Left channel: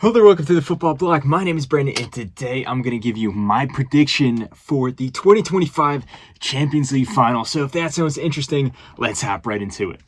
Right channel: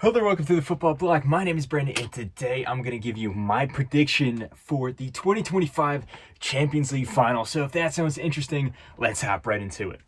Hello there, welcome to the Football Bloc. My name is Brandon, and today I'm going to give you my prediction for the 2025 Champions League Final. So if that sounds interesting, let's hop right into it.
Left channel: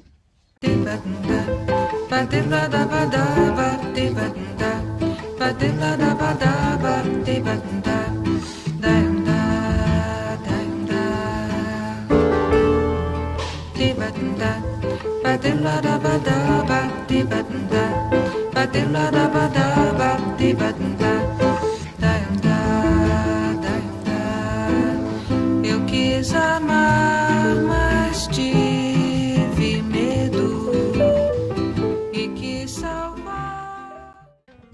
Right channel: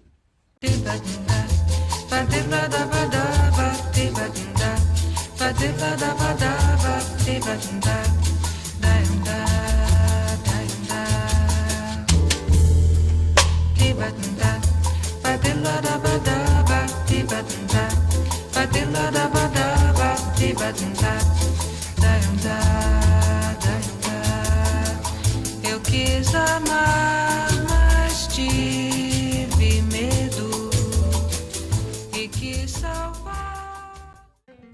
Eu quis amar, mas tive medo e quis salvar.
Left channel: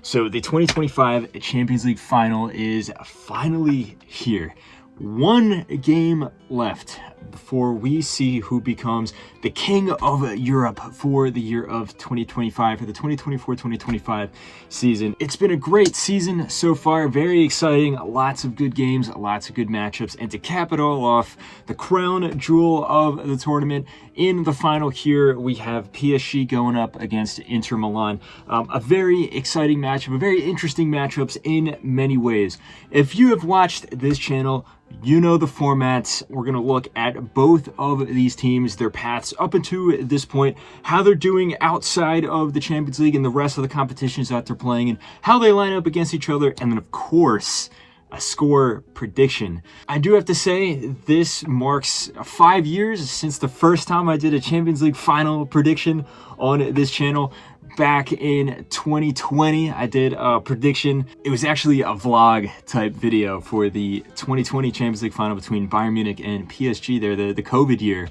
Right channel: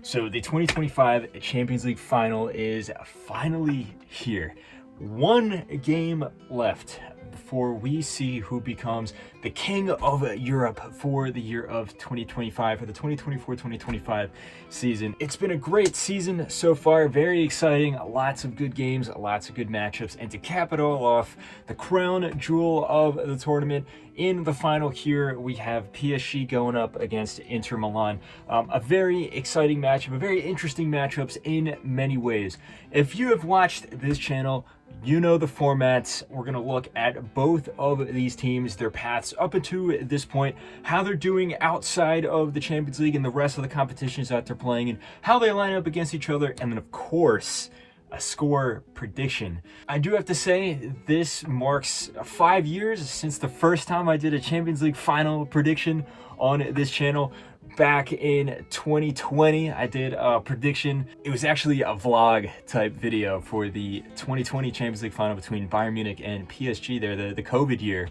So the 2025 Champions League Final is finally here. One game left before we see who becomes the king of Europe for the year of 2025, for the 2024-2025 season. It's been a great season so far, very exciting, lots of good games, lots of good matchups, and to cap it all off, the crown jewel of the tournament, in the final here, we have PSG going up against Inter Milan. A very exciting matchup, a very interesting matchups in many ways. If you have watched this channel, you know the formats. We're going to look at both of these teams, their paths up until this point, how they're doing outside of the Champions League and the rest of the competitions that they're playing, and how they line up against each other, and then, of course, a score prediction. I do have to say, this marks 5 years since the first time I did a Champions League final prediction on this channel. Back in 2020, I did a prediction. It was actually a vlog type video for the 2020 Champions League final between Bayern Munich and PSG there, the COVID year.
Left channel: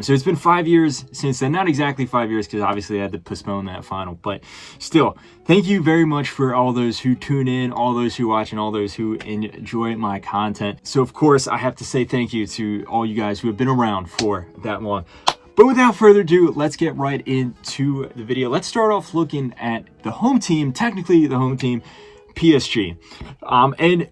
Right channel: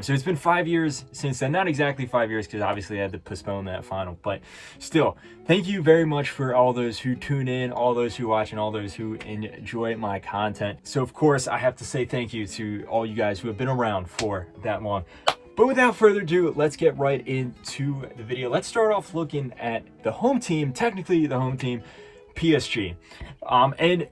So it's been 5 years since then. Not exactly 5 years, because obviously I had to postpone that final, but still, thank you very much for all those who tune in, all those who watch, and all those who enjoy my content. So of course, I have to say thank you to all you guys who have been around for that long. But without further ado, let's get right into the video. Let's start off looking at the home team, technically the home team, PSG. And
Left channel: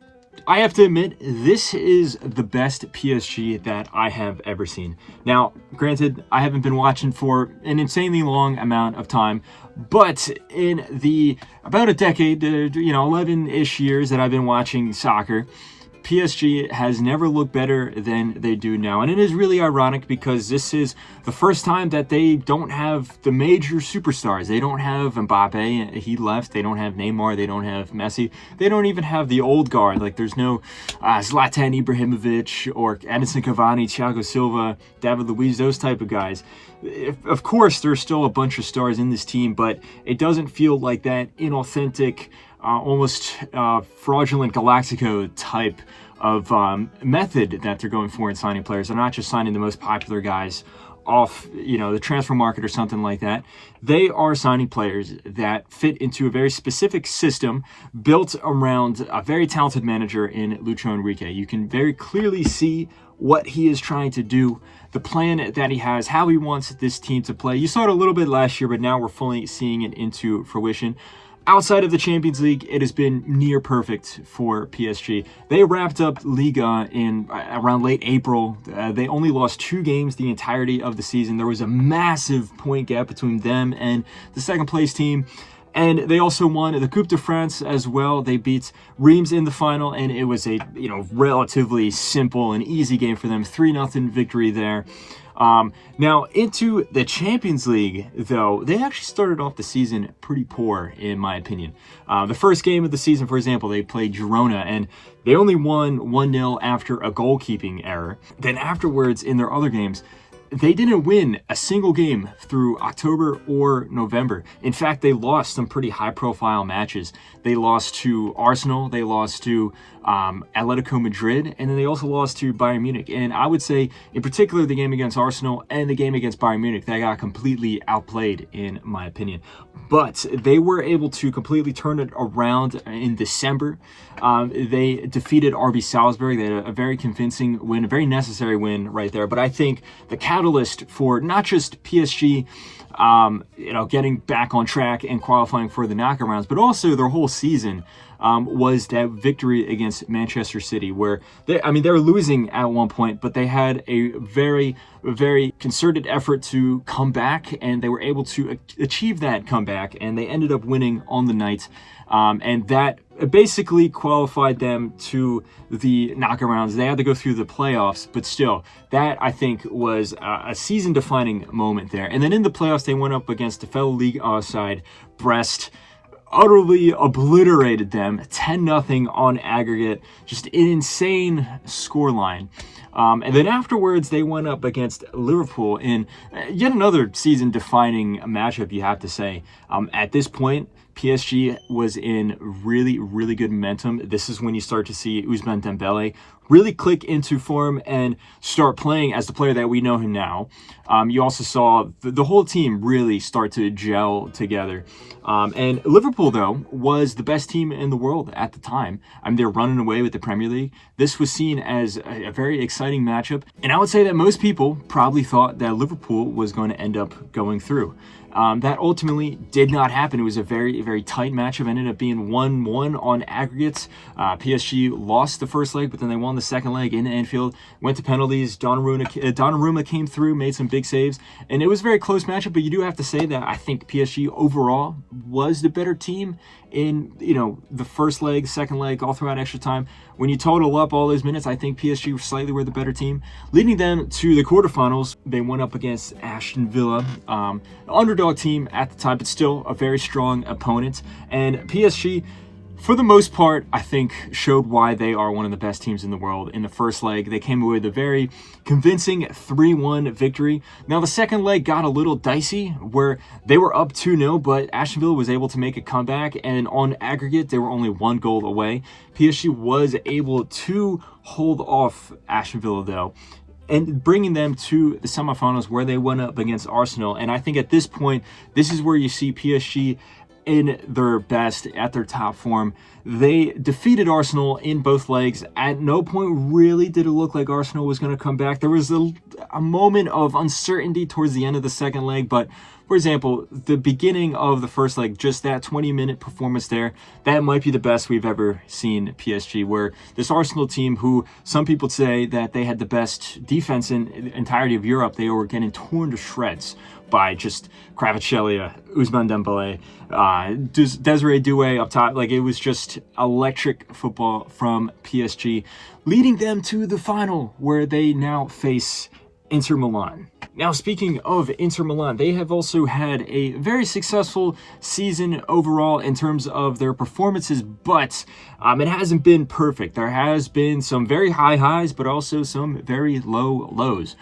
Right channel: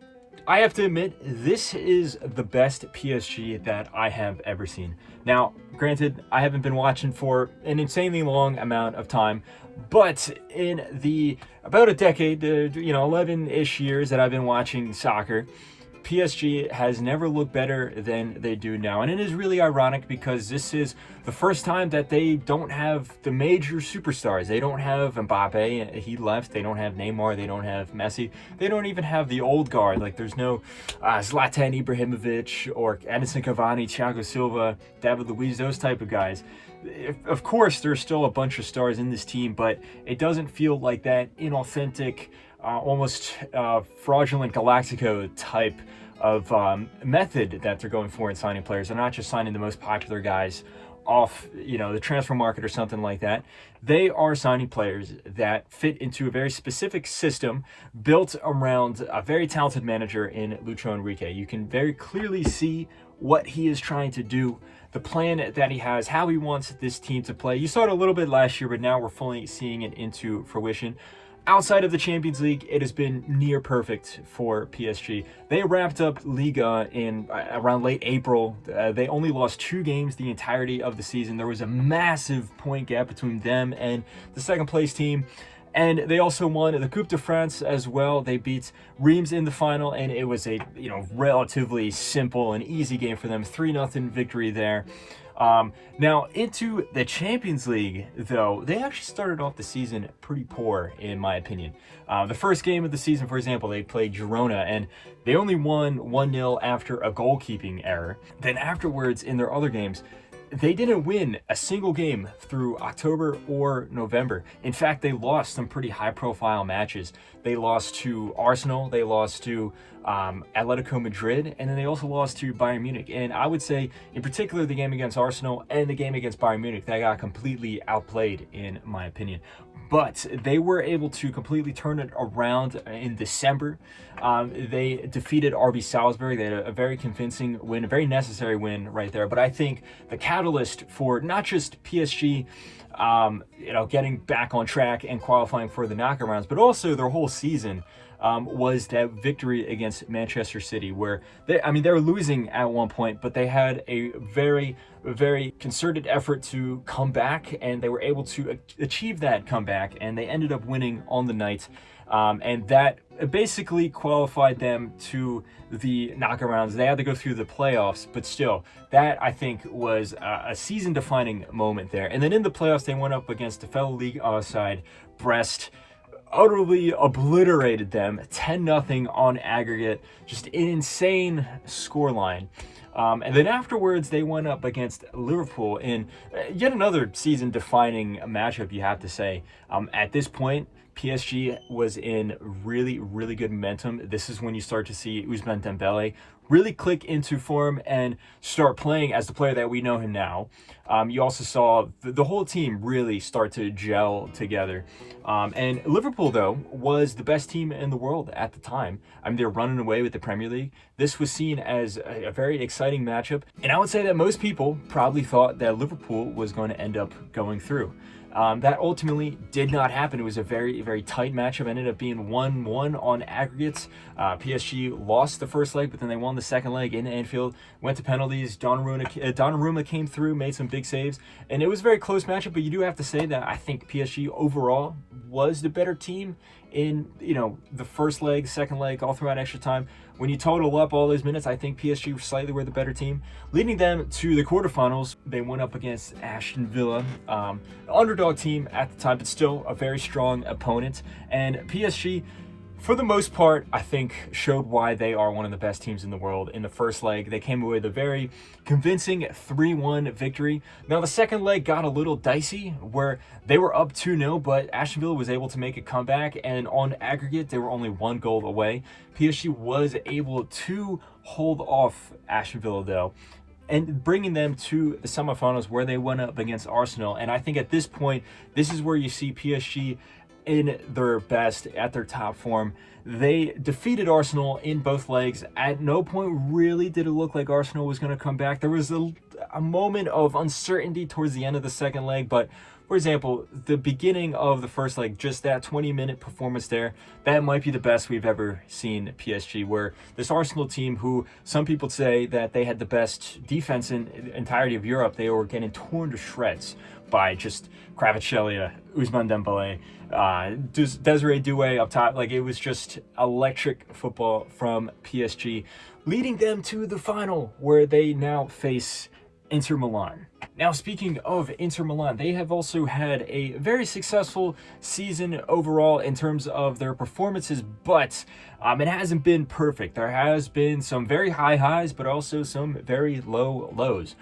I have to admit, this is the best PSG that I have ever seen. Now, granted, I haven't been watching for an insanely long amount of time, but in the about a decade, 11-ish years that I've been watching soccer, PSG has never looked better than they do now. And it is really ironic because this is the first time that they don't have the major superstars. They don't have Mbappe, he left. They don't have Neymar, they don't have Messi. They don't even have the old guard. Like, there's no Zlatan Ibrahimovic or Edinson Cavani, Thiago Silva, David Luiz, those type of guys. Of course, there's still a bunch of stars in this team, but it doesn't feel like that inauthentic, almost fraudulent Galactico type of method that they're going for in signing players. They're not just signing the most popular guys off, the transfer market or something like that. They are signing players that fit into a very specific system built around a very talented manager in Lucho Enrique. You can very clearly see what he is trying to do, the plan that he has, how he wants this team to play. You saw it a little bit last year, but now we're fully seeing it into fruition. Outside of the Champions League, it has been near perfect for PSG. They wrapped up Liga in around late April. They only lost 2 games the entirety of the season. There was a massive point gap between them and the second place team. And they also won the Coupe de France as well. They beat Reims in the final, and it was a relatively simple and easy game for them. 3-0 victory there. Now, into the Champions League, though, they actually started off the season pretty poor, in my opinion. The first game of the season, for example, they played Girona, and they only won 1-0 after a goalkeeping error. Then afterwards, in their other games, they didn't win a single game through October or November. In fact, they lost some pretty high-profile matches. They lost to Arsenal, they lost to Atletico Madrid, and then they also lost to Bayern Munich. And I would say, in particular, the game against Arsenal and the game against Bayern Munich, they got completely outplayed, in my opinion. But they were able to completely turn it around in December. They defeated RB Salzburg. They had a very convincing win, a very necessary win right there. But I think the catalyst for not just PSG, getting back on track and qualifying for the knockout rounds, but also their whole season. Was that victory against Manchester City, where they were losing at one point, but they had a very, very concerted effort to come back, and they were able to achieve that comeback, and they ended up winning on the night, and that basically qualified them to the knockout rounds. They had to go through the playoffs, but still, that I think was a season-defining moment there. And then in the playoffs, they went up against the fellow League side, Brest, utterly obliterated them 10-0 on aggregate, just an insane scoreline. And then afterwards, they went up against Liverpool in yet another season-defining matchup, you have to say. At this point, PSG was in really, really good momentum. This is when you start to see Ousmane Dembele really click into form and start playing as the player that we know him now. You also saw the whole team really start to gel together. And Liverpool, though, was the best team in the world at the time. They're running away with the Premier League. This was seen as a very exciting matchup. And I would say that most people probably thought that Liverpool was going to end up going through. That ultimately did not happen. It was a very, very tight matchup. It ended up being 1-1 on aggregates. PSG lost the first leg, but then they won the second leg in Anfield. Went to penalties. Donnarumma came through, made some big saves, and it was a very close matchup. But you do have to say that I think PSG overall was the better team in the first leg, second leg, all throughout extra time. When you total up all those minutes, I think PSG slightly were the better team, leading them to the quarterfinals. They went up against Aston Villa, an underdog team at the time, but still a very strong opponent. And PSG, for the most part, I think showed why they are one of the best teams in the world. In the first leg, they came away with a very convincing 3-1 victory. Now, the second leg got a little dicey, where they were up 2-0, but Aston Villa was able to make a comeback, and on aggregate, they were only 1 goal away. PSG was able to hold off Aston Villa, though, and bringing them to the semifinals, where they went up against Arsenal. And I think at this point, this is where you see PSG in their best, at their top form. They defeated Arsenal in both legs. At no point really did it look like Arsenal was going to come back. There was a moment of uncertainty towards the end of the second leg, but for example, the beginning of the first leg, just that 20-minute performance there, that might be the best we've ever seen PSG, where this Arsenal team, who some people say that they had the best defense in the entirety of Europe, they were getting torn to shreds by just Kvaratskhelia, Ousmane Dembele, Desiree Doué up top. Like, it was just electric football from PSG, leading them to the final, where they now face Inter Milan. Now, speaking of Inter Milan, they have also had a very successful season overall in terms of their performances, but it hasn't been perfect. There has been some very high highs, but also some very low lows.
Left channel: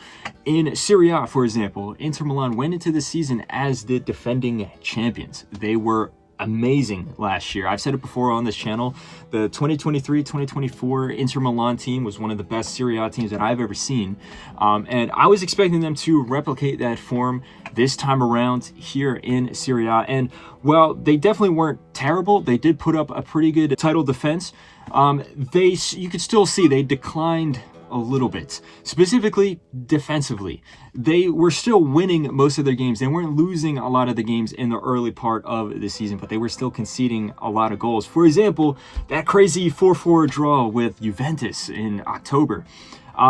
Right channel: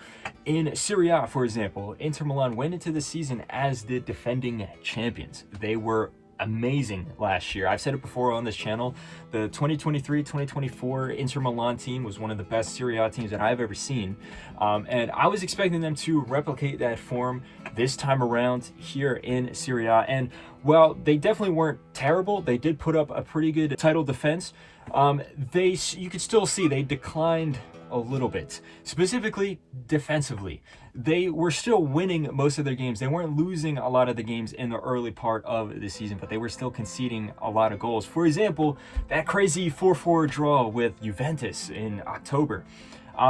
In Serie A, for example, Inter Milan went into the season as the defending champions. They were amazing last year. I've said it before on this channel. The 2023-2024 Inter Milan team was one of the best Serie A teams that I've ever seen. And I was expecting them to replicate that form this time around here in Serie A. And while they definitely weren't terrible, they did put up a pretty good title defense. You could still see they declined a little bit, specifically defensively. They were still winning most of their games. They weren't losing a lot of the games in the early part of the season, but they were still conceding a lot of goals. For example, that crazy 4-4 draw with Juventus in October.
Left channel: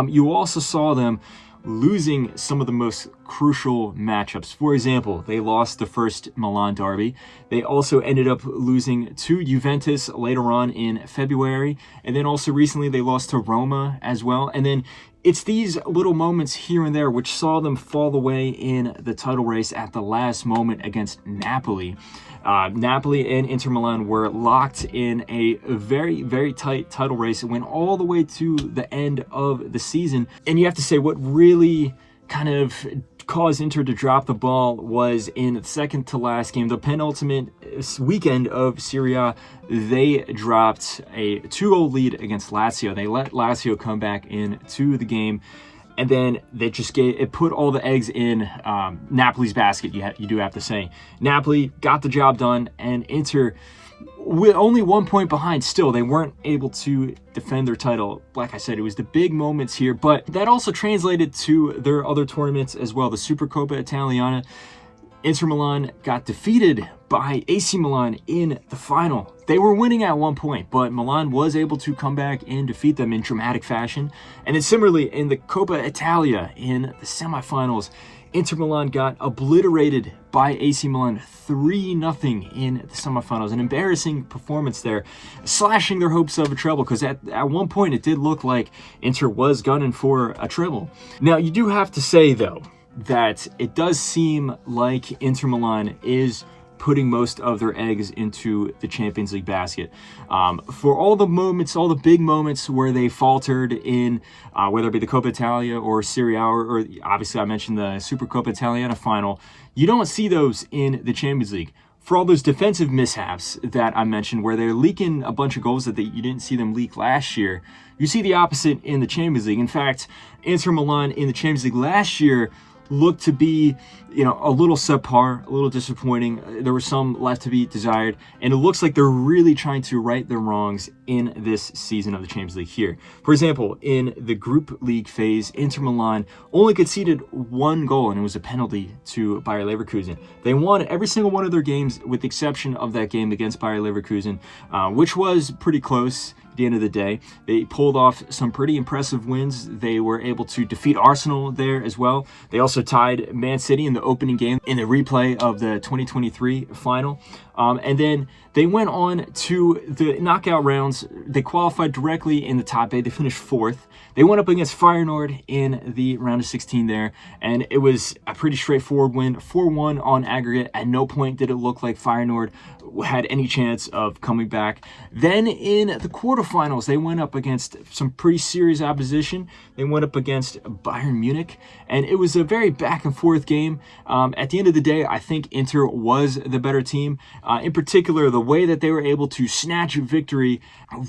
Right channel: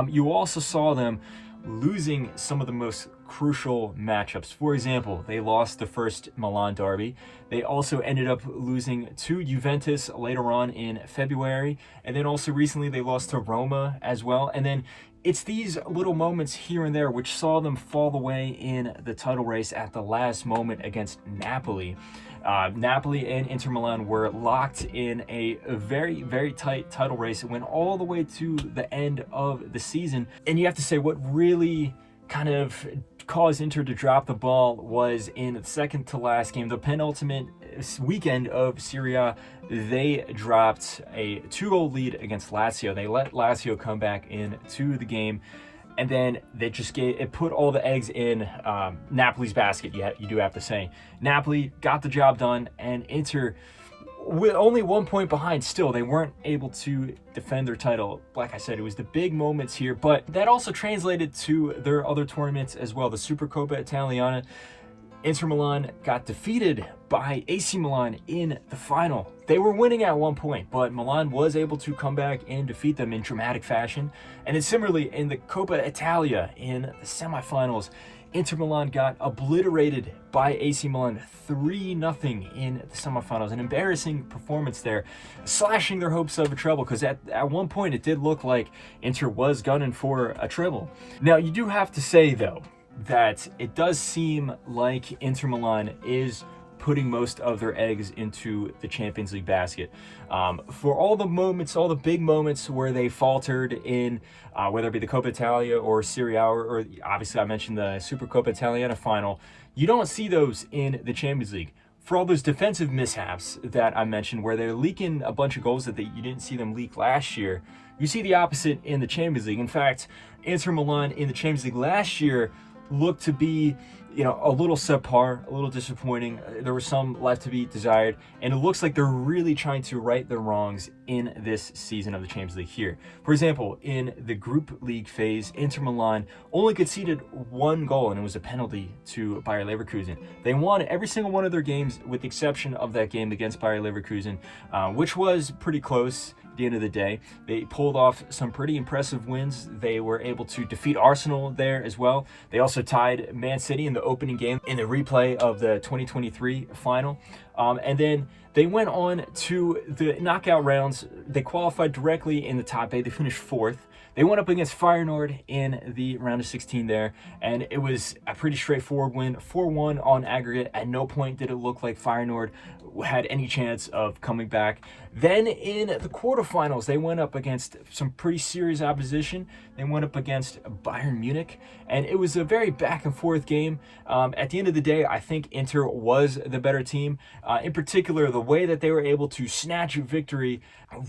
You also saw them losing some of the most crucial matchups. For example, they lost the first Milan derby. They also ended up losing to Juventus later on in February. And then also recently they lost to Roma as well. And then it's these little moments here and there which saw them fall away in the title race at the last moment against Napoli. Napoli and Inter Milan were locked in a very, very tight title race. It went all the way to the end of the season. And you have to say, what really kind of caused Inter to drop the ball was in the second to last game, the penultimate weekend of Serie A. They dropped a 2-goal lead against Lazio. They let Lazio come back into the game, and then they just put all the eggs in Napoli's basket, you do have to say. Napoli got the job done, and Inter with only 1 point behind, still, they weren't able to defend their title. Like I said, it was the big moments here, but that also translated to their other tournaments as well. The Supercoppa Italiana, Inter Milan got defeated by AC Milan in the final. They were winning at 1 point, but Milan was able to come back and defeat them in dramatic fashion. And then similarly, in the Coppa Italia, in the semifinals, Inter Milan got obliterated by AC Milan 3-0 in the semifinals. An embarrassing performance there, slashing their hopes of a treble, because at one point it did look like Inter was gunning for a treble. Now, you do have to say, though, that it does seem like Inter Milan is putting most of their eggs into the Champions League basket. For all the moments, all the big moments where they faltered in, whether it be the Coppa Italia or Serie A, or obviously I mentioned the Supercoppa Italiana final, you don't see those in the Champions League. For all those defensive mishaps that I mentioned, where they're leaking a bunch of goals that you didn't see them leak last year, you see the opposite in the Champions League. In fact, Inter Milan in the Champions League last year looked to be, a little subpar, a little disappointing. There was some left to be desired, and it looks like they're really trying to right their wrongs in this season of the Champions League here. For example, in the group league phase, Inter Milan only conceded 1 goal, and it was a penalty to Bayer Leverkusen. They won every single one of their games, with the exception of that game against Bayer Leverkusen, which was pretty close. At the end of the day, they pulled off some pretty impressive wins. They were able to defeat Arsenal there as well. They also tied Man City in the opening game in the replay of the 2023 final. And then they went on to the knockout rounds. They qualified directly in the top 8. They finished 4th. They went up against Feyenoord in the round of 16 there, and it was a pretty straightforward win, 4-1 on aggregate. At no point did it look like Feyenoord had any chance of coming back. Then in the quarterfinals, they went up against some pretty serious opposition. They went up against Bayern Munich, and it was a very back and forth game. At the end of the day, I think Inter was the better team. In particular, the way that they were able to snatch victory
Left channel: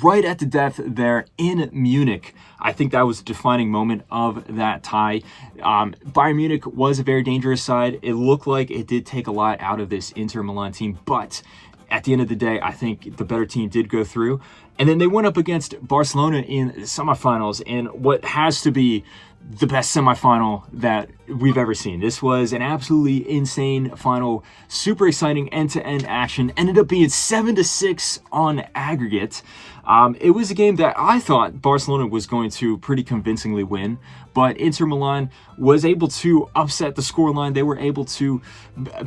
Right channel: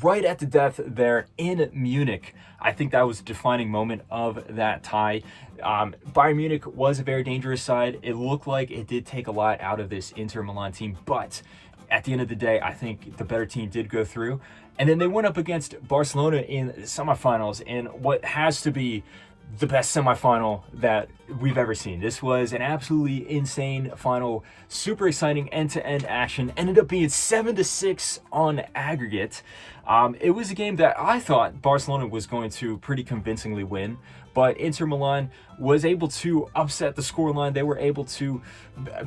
right at the death there in Munich. I think that was a defining moment of that tie. Bayern Munich was a very dangerous side. It looked like it did take a lot out of this Inter Milan team, but at the end of the day, I think the better team did go through. And then they went up against Barcelona in the semifinals in what has to be the best semifinal that we've ever seen. This was an absolutely insane final, super exciting end-to-end action. Ended up being 7-6 on aggregate. It was a game that I thought Barcelona was going to pretty convincingly win, but Inter Milan was able to upset the scoreline. They were able to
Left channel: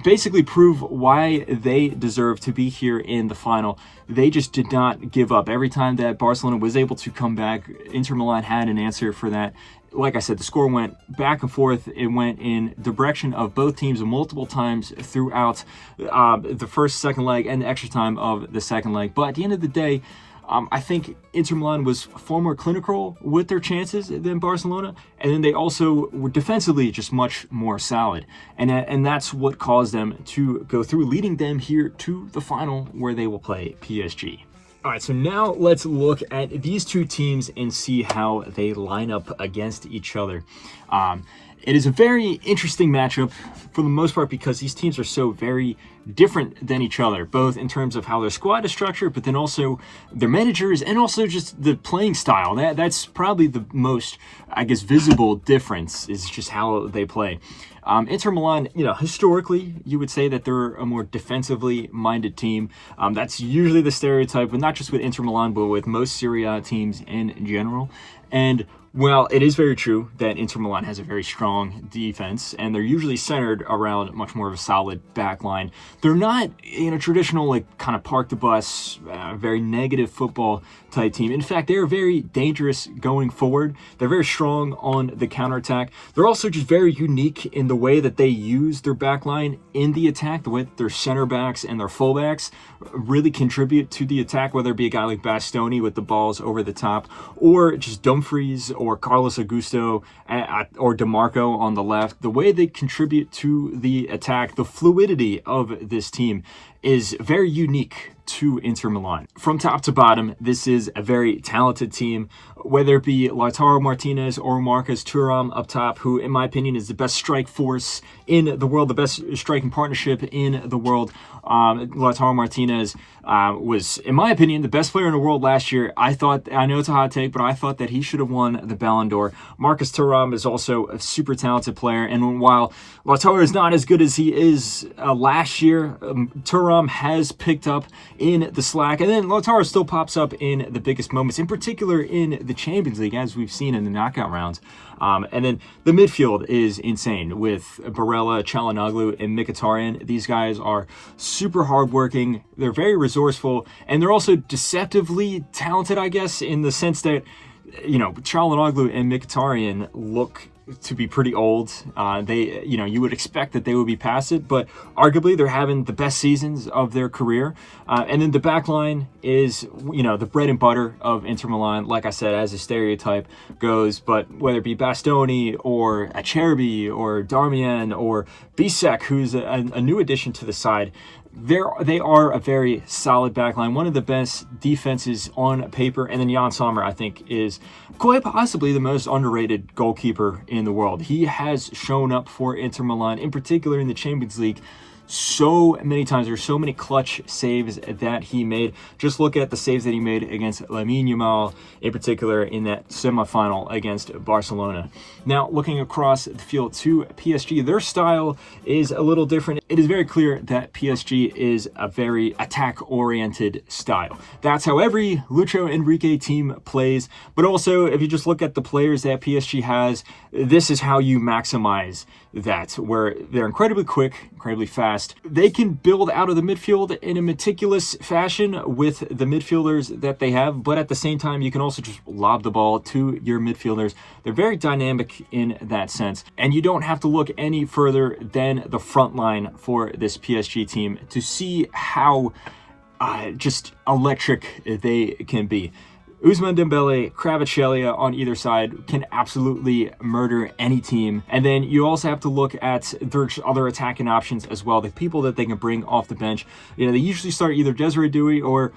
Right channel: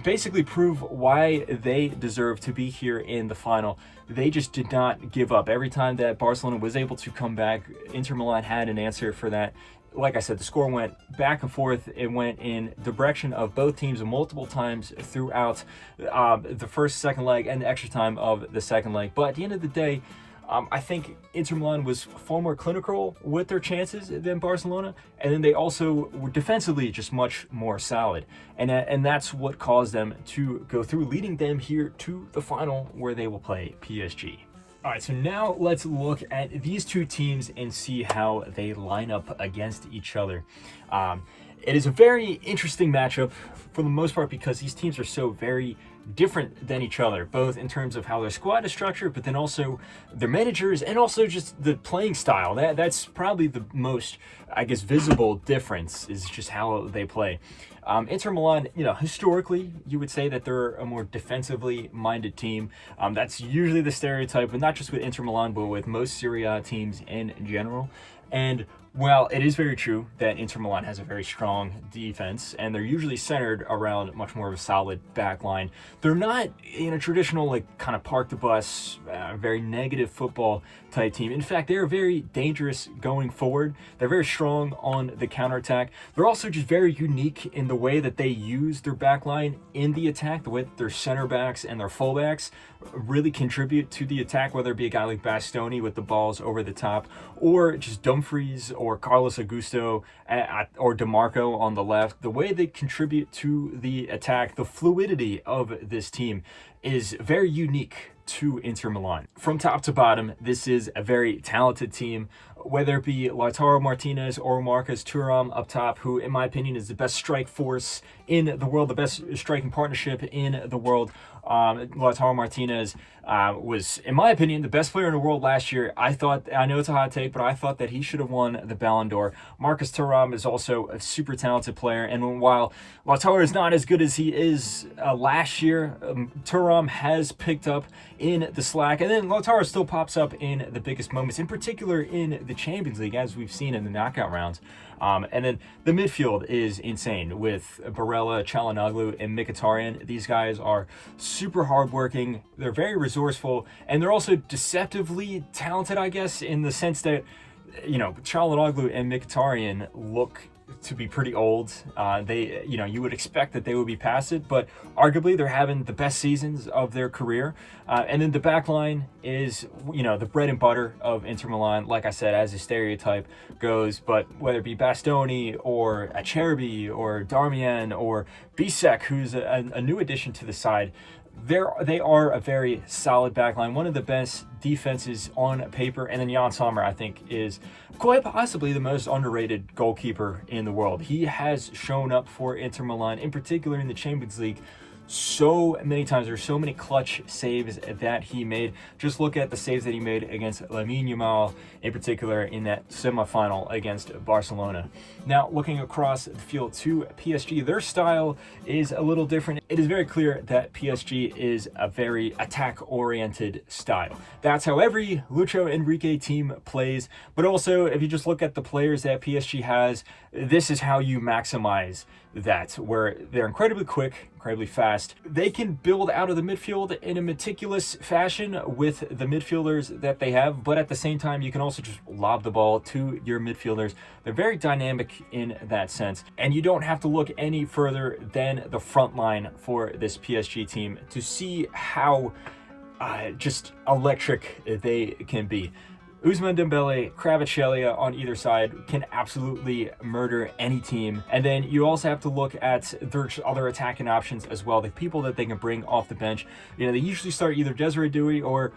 basically prove why they deserve to be here in the final. They just did not give up. Every time that Barcelona was able to come back, Inter Milan had an answer for that. Like I said, the score went back and forth. It went in the direction of both teams multiple times throughout the first, second leg, and the extra time of the second leg. But at the end of the day, I think Inter Milan was far more clinical with their chances than Barcelona, and then they also were defensively just much more solid, and that's what caused them to go through, leading them here to the final where they will play PSG. All right, so now let's look at these two teams and see how they line up against each other. It is a very interesting matchup for the most part because these teams are so very different than each other, both in terms of how their squad is structured, but then also their managers and also just the playing style. That's probably the most, I guess, visible difference is just how they play. Inter Milan, historically, you would say that they're a more defensively minded team. That's usually the stereotype, but not just with Inter Milan, but with most Serie A teams in general. And well, it is very true that Inter Milan has a very strong defense, and they're usually centered around much more of a solid back line. They're not in a traditional, kind of park the bus, very negative football type team. In fact, they're very dangerous going forward. They're very strong on the counterattack. They're also just very unique in the way that they use their back line in the attack, the way that their center backs and their fullbacks really contribute to the attack, whether it be a guy like Bastoni with the balls over the top, or just Dumfries or Carlos Augusto or DeMarco on the left. The way they contribute to the attack, the fluidity of this team is very unique to Inter Milan. From top to bottom, this is a very talented team, whether it be Lautaro Martinez or Marcus Thuram up top, who in my opinion is the best strike force in the world, the best striking partnership in the world. Lautaro Martinez was, in my opinion, the best player in the world last year. I know it's a hot take, but I thought that he should have won the Ballon d'Or. Marcus Thuram is also a super talented player, and while Lautaro is not as good as he is last year, Thuram has picked up in the slack, and then Lautaro still pops up in the biggest moments, in particular in the Champions League, as we've seen in the knockout rounds. And then the midfield is insane with Barella, Çalhanoğlu, and Mkhitaryan. These guys are super hardworking. They're very resourceful, and they're also deceptively talented, I guess, in the sense that, Çalhanoğlu and Mkhitaryan look to be pretty old. You would expect that they would be past it, but arguably they're having the best seasons of their career. And then the back line is, the bread and butter of Inter Milan, like I said, as a stereotype goes. But whether it be Bastoni or Acerbi or Darmian or Bisek, who's a new addition to the side, they are a very solid backline, one of the best defenses on paper. And then Jan Sommer, I think, is quite possibly the most underrated goalkeeper in the world. He has shown up for Inter Milan, in particular in the Champions League, so many times. There's so many clutch saves that he made. Just look at the saves that he made against Lamine Yamal, in particular in that semifinal against Barcelona. Now, looking across the field to PSG, their style is a little different. It is very clear that PSG is a very attack-oriented style. That's how every Lucho Enrique team plays. But also, if you just look at the players that PSG has, this is how you maximize that, where they're incredibly quick, incredibly fast. They can build out of the midfield in a meticulous fashion with the midfielders that they have, but at the same time, you can also just lob the ball to your midfielders. They're very dynamic in that sense, and you don't have to look any further than the front line for this PSG team to see how just electric they can be. Ousmane Dembele, Kvaratskhelia on either side can absolutely murder any team. And then you also have to look at their other attacking options as well, the people that they can bring off the bench. They usually start either Desiree Doué or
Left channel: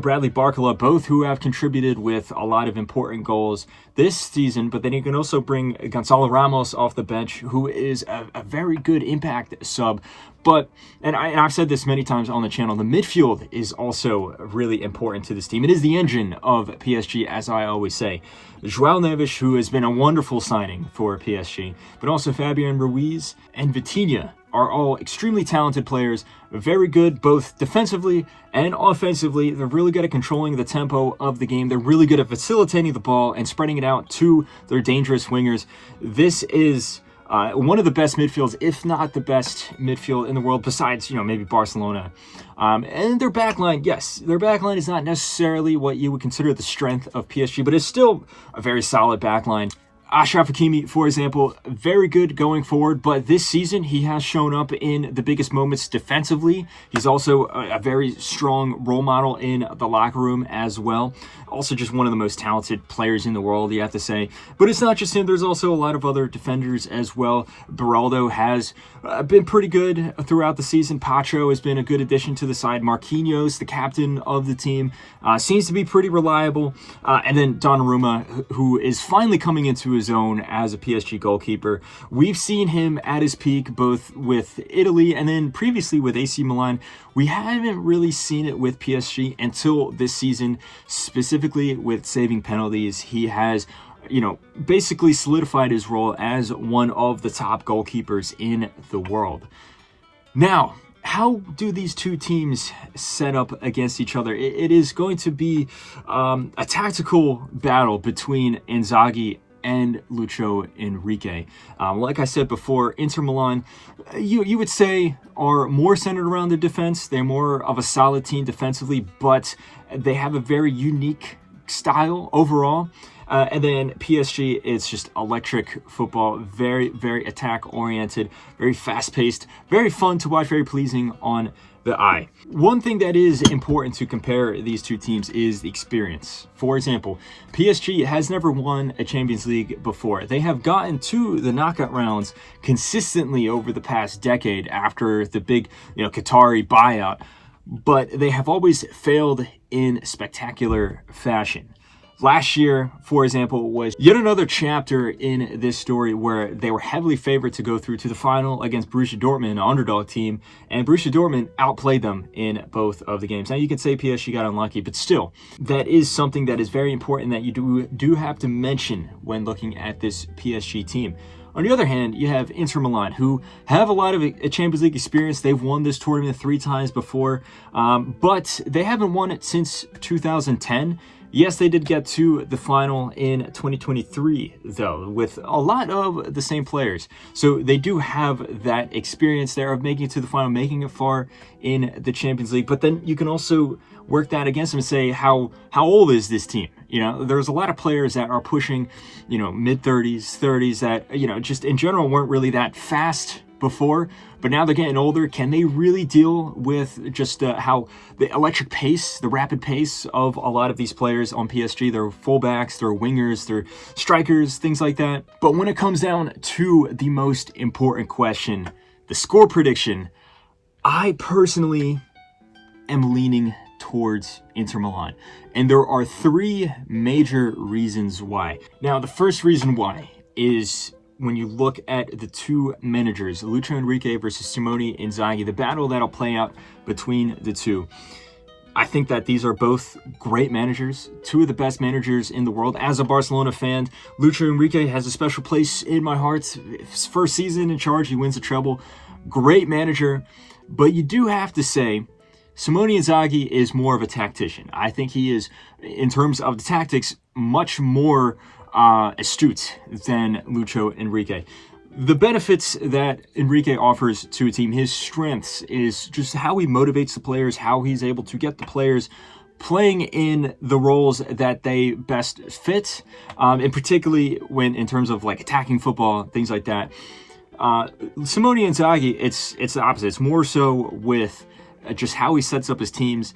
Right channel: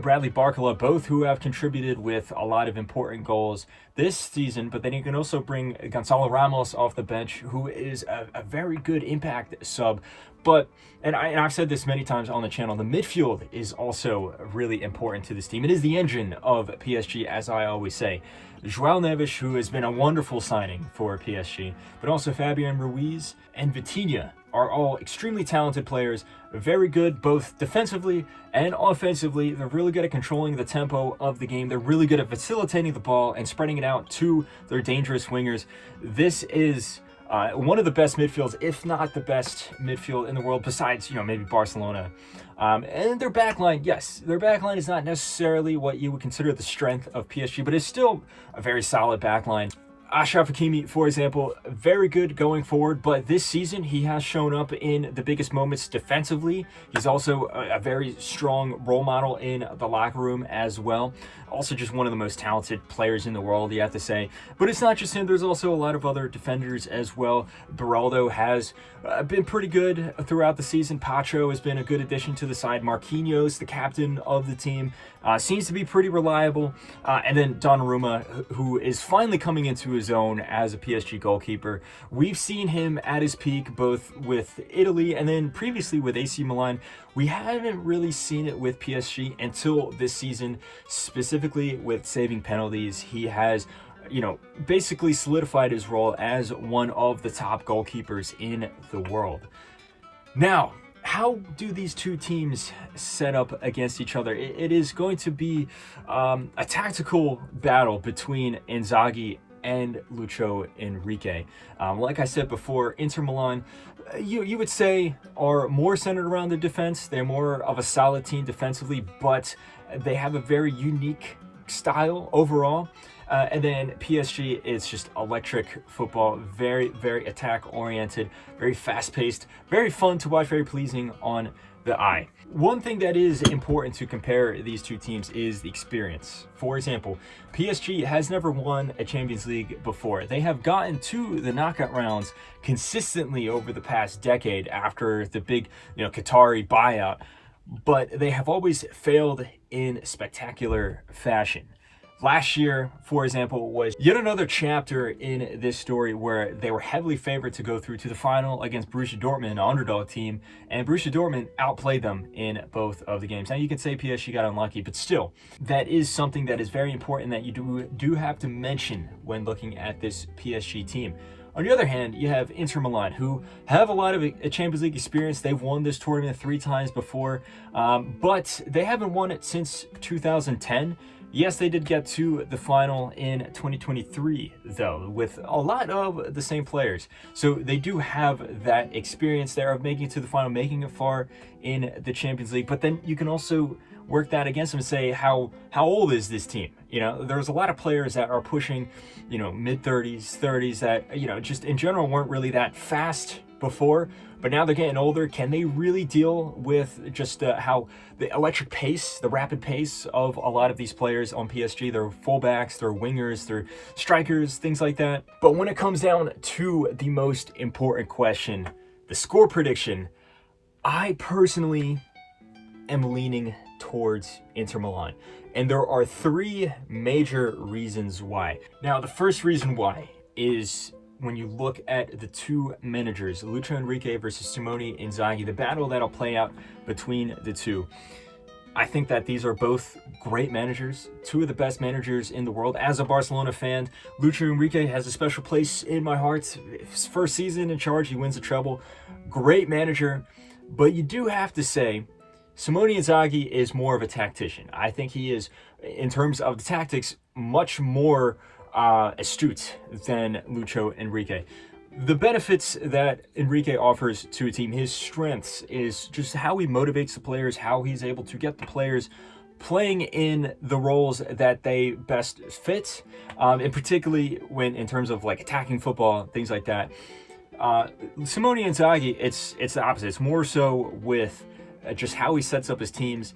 Bradley Barcola, both who have contributed with a lot of important goals this season. But then you can also bring Gonzalo Ramos off the bench, who is a very good impact sub. But, and I've said this many times on the channel, the midfield is also really important to this team. It is the engine of PSG, as I always say. João Neves, who has been a wonderful signing for PSG, but also Fabian Ruiz and Vitinha are all extremely talented players, very good both defensively and offensively. They're really good at controlling the tempo of the game. They're really good at facilitating the ball and spreading it out to their dangerous wingers. This is one of the best midfields, if not the best midfield in the world, besides, maybe Barcelona. And their backline, yes, their backline is not necessarily what you would consider the strength of PSG, but it's still a very solid backline. Achraf Hakimi, for example, very good going forward, but this season he has shown up in the biggest moments defensively. He's also a very strong role model in the locker room as well. Also just one of the most talented players in the world, you have to say. But it's not just him. There's also a lot of other defenders as well. Beraldo has been pretty good throughout the season. Pacho has been a good addition to the side. Marquinhos, the captain of the team, seems to be pretty reliable. And then Donnarumma, who is finally coming into his own as a PSG goalkeeper. We've seen him at his peak both with Italy and then previously with AC Milan. We haven't really seen it with PSG until this season, specifically with saving penalties. He has, basically solidified his role as one of the top goalkeepers in the world. Now, how do these two teams set up against each other? It is going to be a tactical battle between Inzaghi and Lucho Enrique. Like I said before, Inter Milan, you would say, are more centered around the defense. They're more of a solid team defensively, but they have a very unique style overall. And then PSG is just electric football, very, very attack-oriented, very fast-paced, very fun to watch, very pleasing on the eye. One thing that is important to compare these two teams is the experience. For example, PSG has never won a Champions League before. They have gotten to the knockout rounds consistently over the past decade after the big, Qatari buyout, but they have always failed in spectacular fashion. Last year, for example, was yet another chapter in this story where they were heavily favored to go through to the final against Borussia Dortmund, an underdog team, and Borussia Dortmund outplayed them in both of the games. Now, you could say PSG got unlucky, but still, that is something that is very important that you do have to mention when looking at this PSG team. On the other hand, you have Inter Milan, who have a lot of Champions League experience. They've won this tournament 3 times before, but they haven't won it since 2010. Yes, they did get to the final in 2023, though, with a lot of the same players. So they do have that experience there of making it to the final, making it far in the Champions League. But then you can also work that against them and say, how old is this team? There's a lot of players that are pushing, mid-30s, 30s that, just in general weren't really that fast before, but now they're getting older. Can they really deal with just how the electric pace, the rapid pace of a lot of these players on PSG? They're fullbacks, they're wingers, they're strikers, things like that. But when it comes down to the most important question, the score prediction, I personally am leaning towards Inter Milan. And there are 3 major reasons why. Now, the first reason why is when you look at the 2 managers, Luis Enrique versus Simone Inzaghi, the battle that'll play out between the two. I think that these are both great managers, 2 of the best managers in the world. As a Barcelona fan, Luis Enrique has a special place in my heart. His first season in charge, he wins a treble. Great manager, but you do have to say, Simone Inzaghi is more of a tactician. I think he is, in terms of the tactics, much more astute than Lucho Enrique. The benefits that Enrique offers to a team, his strengths, is just how he motivates the players, how he's able to get the players playing in the roles that they best fit, and particularly when in terms of like attacking football, things like that. Simone Inzaghi, it's the opposite. It's more so with just how he sets up his teams,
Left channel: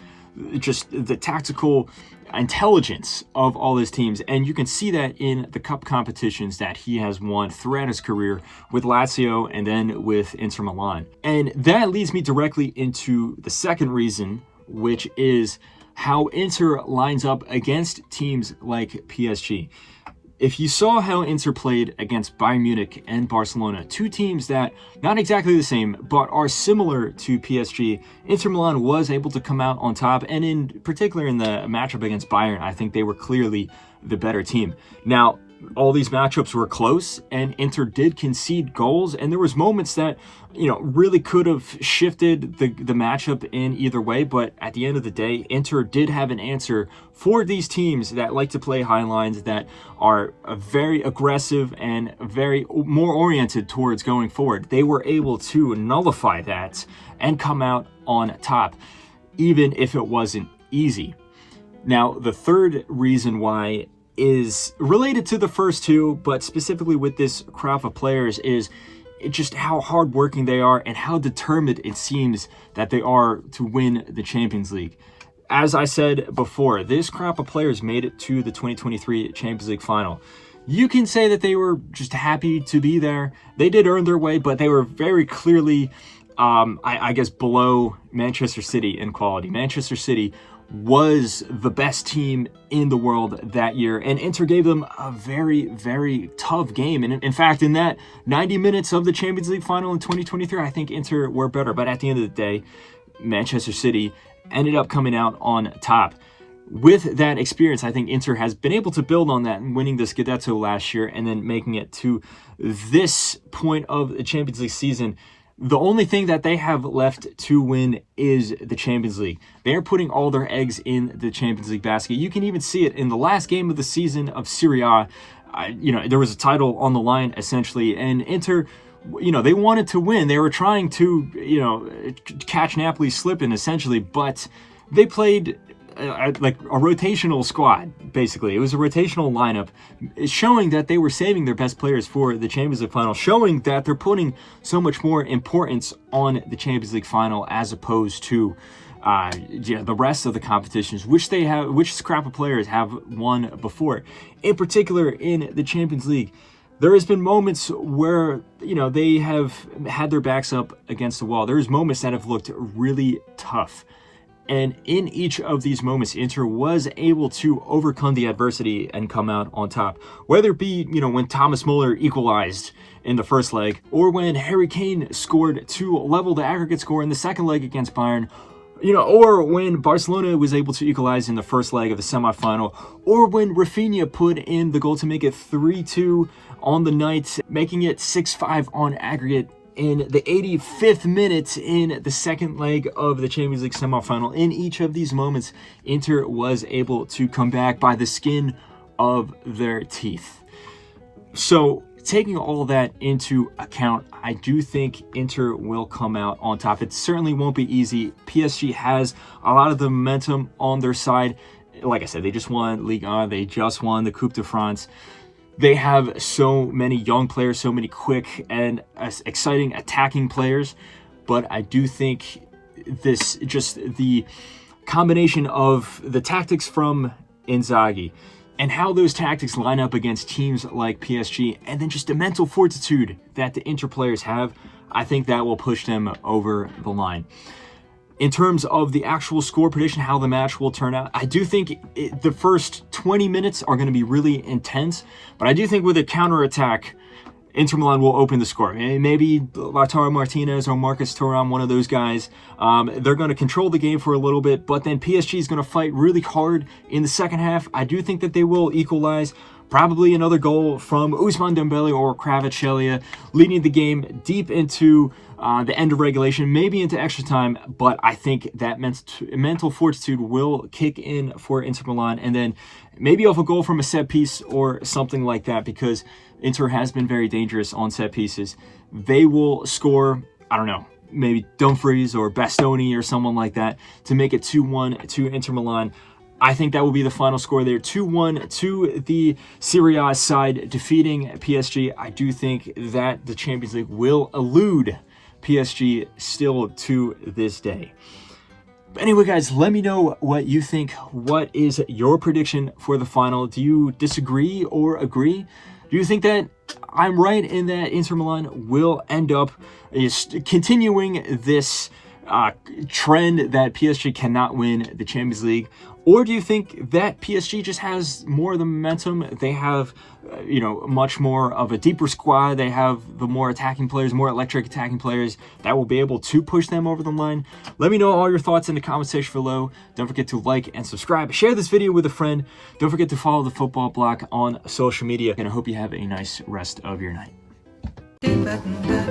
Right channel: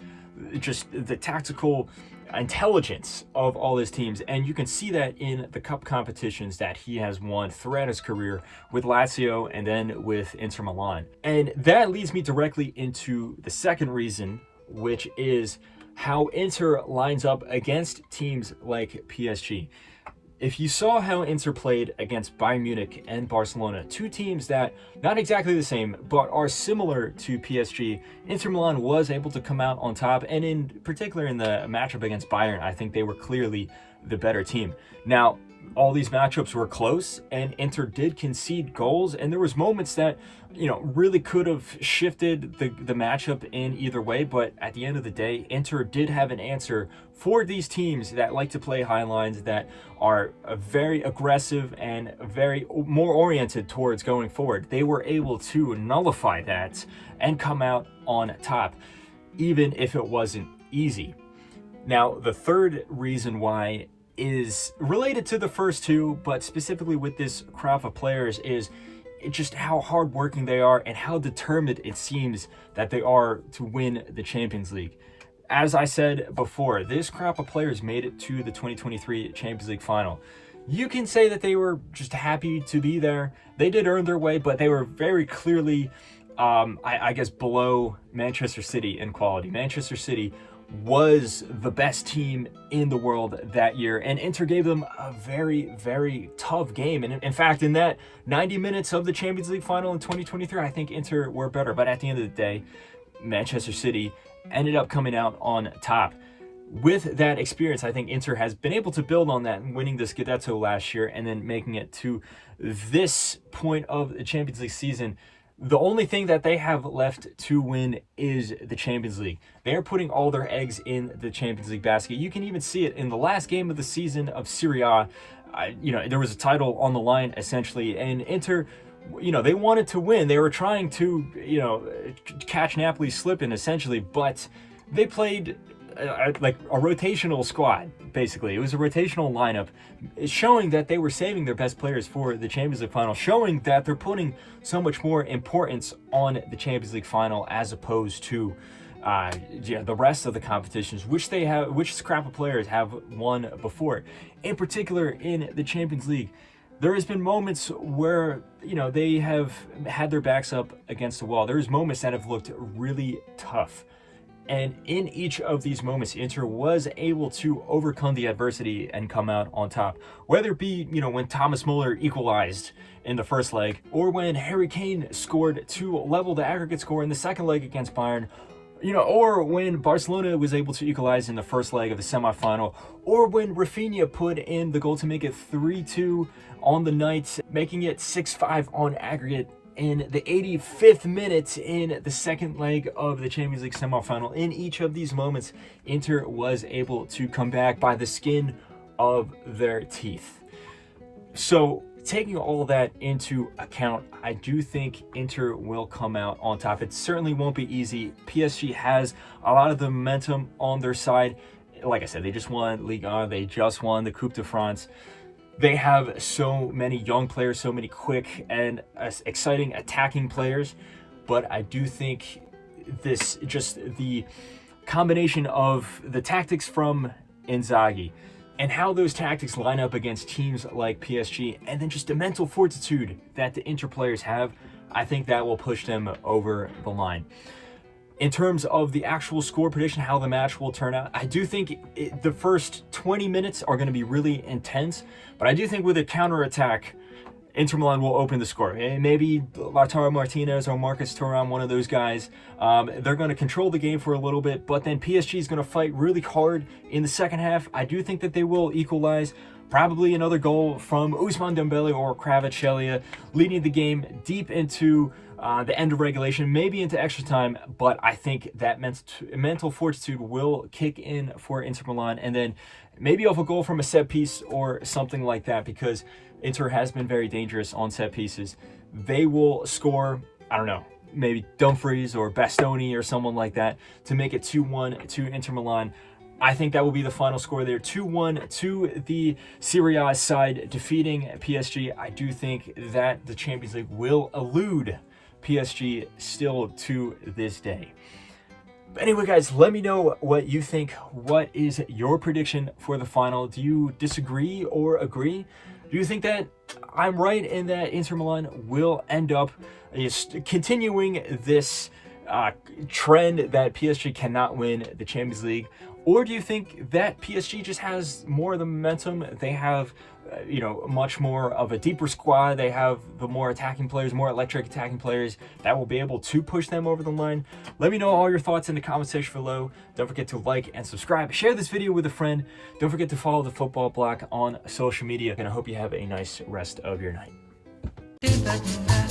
just the tactical intelligence of all his teams, and you can see that in the cup competitions that he has won throughout his career with Lazio and then with Inter Milan. And that leads me directly into the second reason, which is how Inter lines up against teams like PSG. If you saw how Inter played against Bayern Munich and Barcelona, 2 teams that not exactly the same, but are similar to PSG, Inter Milan was able to come out on top, and in particular in the matchup against Bayern, I think they were clearly the better team. Now, all these matchups were close, and Inter did concede goals, and there was moments that, really could have shifted the matchup in either way, but at the end of the day, Inter did have an answer for these teams that like to play high lines, that are very aggressive and very more oriented towards going forward. They were able to nullify that and come out on top, even if it wasn't easy. Now, the third reason why is related to the first 2, but specifically with this crop of players, is just how hardworking they are and how determined it seems that they are to win the Champions League. As I said before, this crop of players made it to the 2023 Champions League Final. You can say that they were just happy to be there. They did earn their way, but they were very clearly, I guess, below Manchester City in quality. Manchester City was the best team in the world that year, and Inter gave them a very, very tough game. And in fact, in that 90 minutes of the Champions League Final in 2023, I think Inter were better. But at the end of the day, Manchester City ended up coming out on top. With that experience, I think Inter has been able to build on that and winning the Scudetto last year and then making it to this point of the Champions League season. The only thing that they have left to win is the Champions League. They are putting all their eggs in the Champions League basket. You can even see it in the last game of the season of Serie A. There was a title on the line, essentially, and Inter, they wanted to win. They were trying to, catch Napoli slipping, essentially, but they played like a rotational squad, basically. It was a rotational lineup, showing that they were saving their best players for the Champions League final, showing that they're putting so much more importance on the Champions League final as opposed to the rest of the competitions, which scrap of players have won before. In particular, in the Champions League, there has been moments where, they have had their backs up against the wall. There's moments that have looked really tough. And in each of these moments, Inter was able to overcome the adversity and come out on top. Whether it be, when Thomas Muller equalized in the first leg, or when Harry Kane scored to level the aggregate score in the second leg against Bayern, or when Barcelona was able to equalize in the first leg of the semifinal, or when Rafinha put in the goal to make it 3-2 on the night, making it 6-5 on aggregate in the 85th minute in the second leg of the Champions League semifinal. In each of these moments, Inter was able to come back by the skin of their teeth. So, taking all that into account, I do think Inter will come out on top. It certainly won't be easy. PSG has a lot of the momentum on their side. Like I said, they just won Ligue 1. They just won the Coupe de France. They have so many young players, so many quick and exciting attacking players. But I do think the combination of the tactics from Inzaghi and how those tactics line up against teams like PSG, and then just the mental fortitude that the Inter players have, I think that will push them over the line. In terms of the actual score prediction, how the match will turn out, I do think the first 20 minutes are going to be really intense, but I do think with a counterattack, Inter Milan will open the score. Maybe Lautaro Martinez or Marcus Thuram, one of those guys. They're going to control the game for a little bit, but then PSG is going to fight really hard in the second half. I do think that they will equalize. Probably another goal from Ousmane Dembele or Kvaratskhelia, leading the game deep into the end of regulation, maybe into extra time. But I think that mental fortitude will kick in for Inter Milan, and then maybe off a goal from a set piece or something like that, because Inter has been very dangerous on set pieces. They will score, I don't know, maybe Dumfries or Bastoni or someone like that to make it 2-1 to Inter Milan. I think that will be the final score there, 2-1 to the Serie A side, defeating PSG. I do think that the Champions League will elude PSG still to this day. But anyway, guys, let me know what you think. What is your prediction for the final? Do you disagree or agree? Do you think that I'm right in that Inter Milan will end up continuing this trend that PSG cannot win the Champions League? Or do you think that PSG just has more of the momentum? They have, much more of a deeper squad. They have the more attacking players, more electric attacking players that will be able to push them over the line. Let me know all your thoughts in the comment section below. Don't forget to like and subscribe. Share this video with a friend. Don't forget to follow the Football Bloc on social media. And I hope you have a nice rest of your night. Ba-da-ba-da-ba,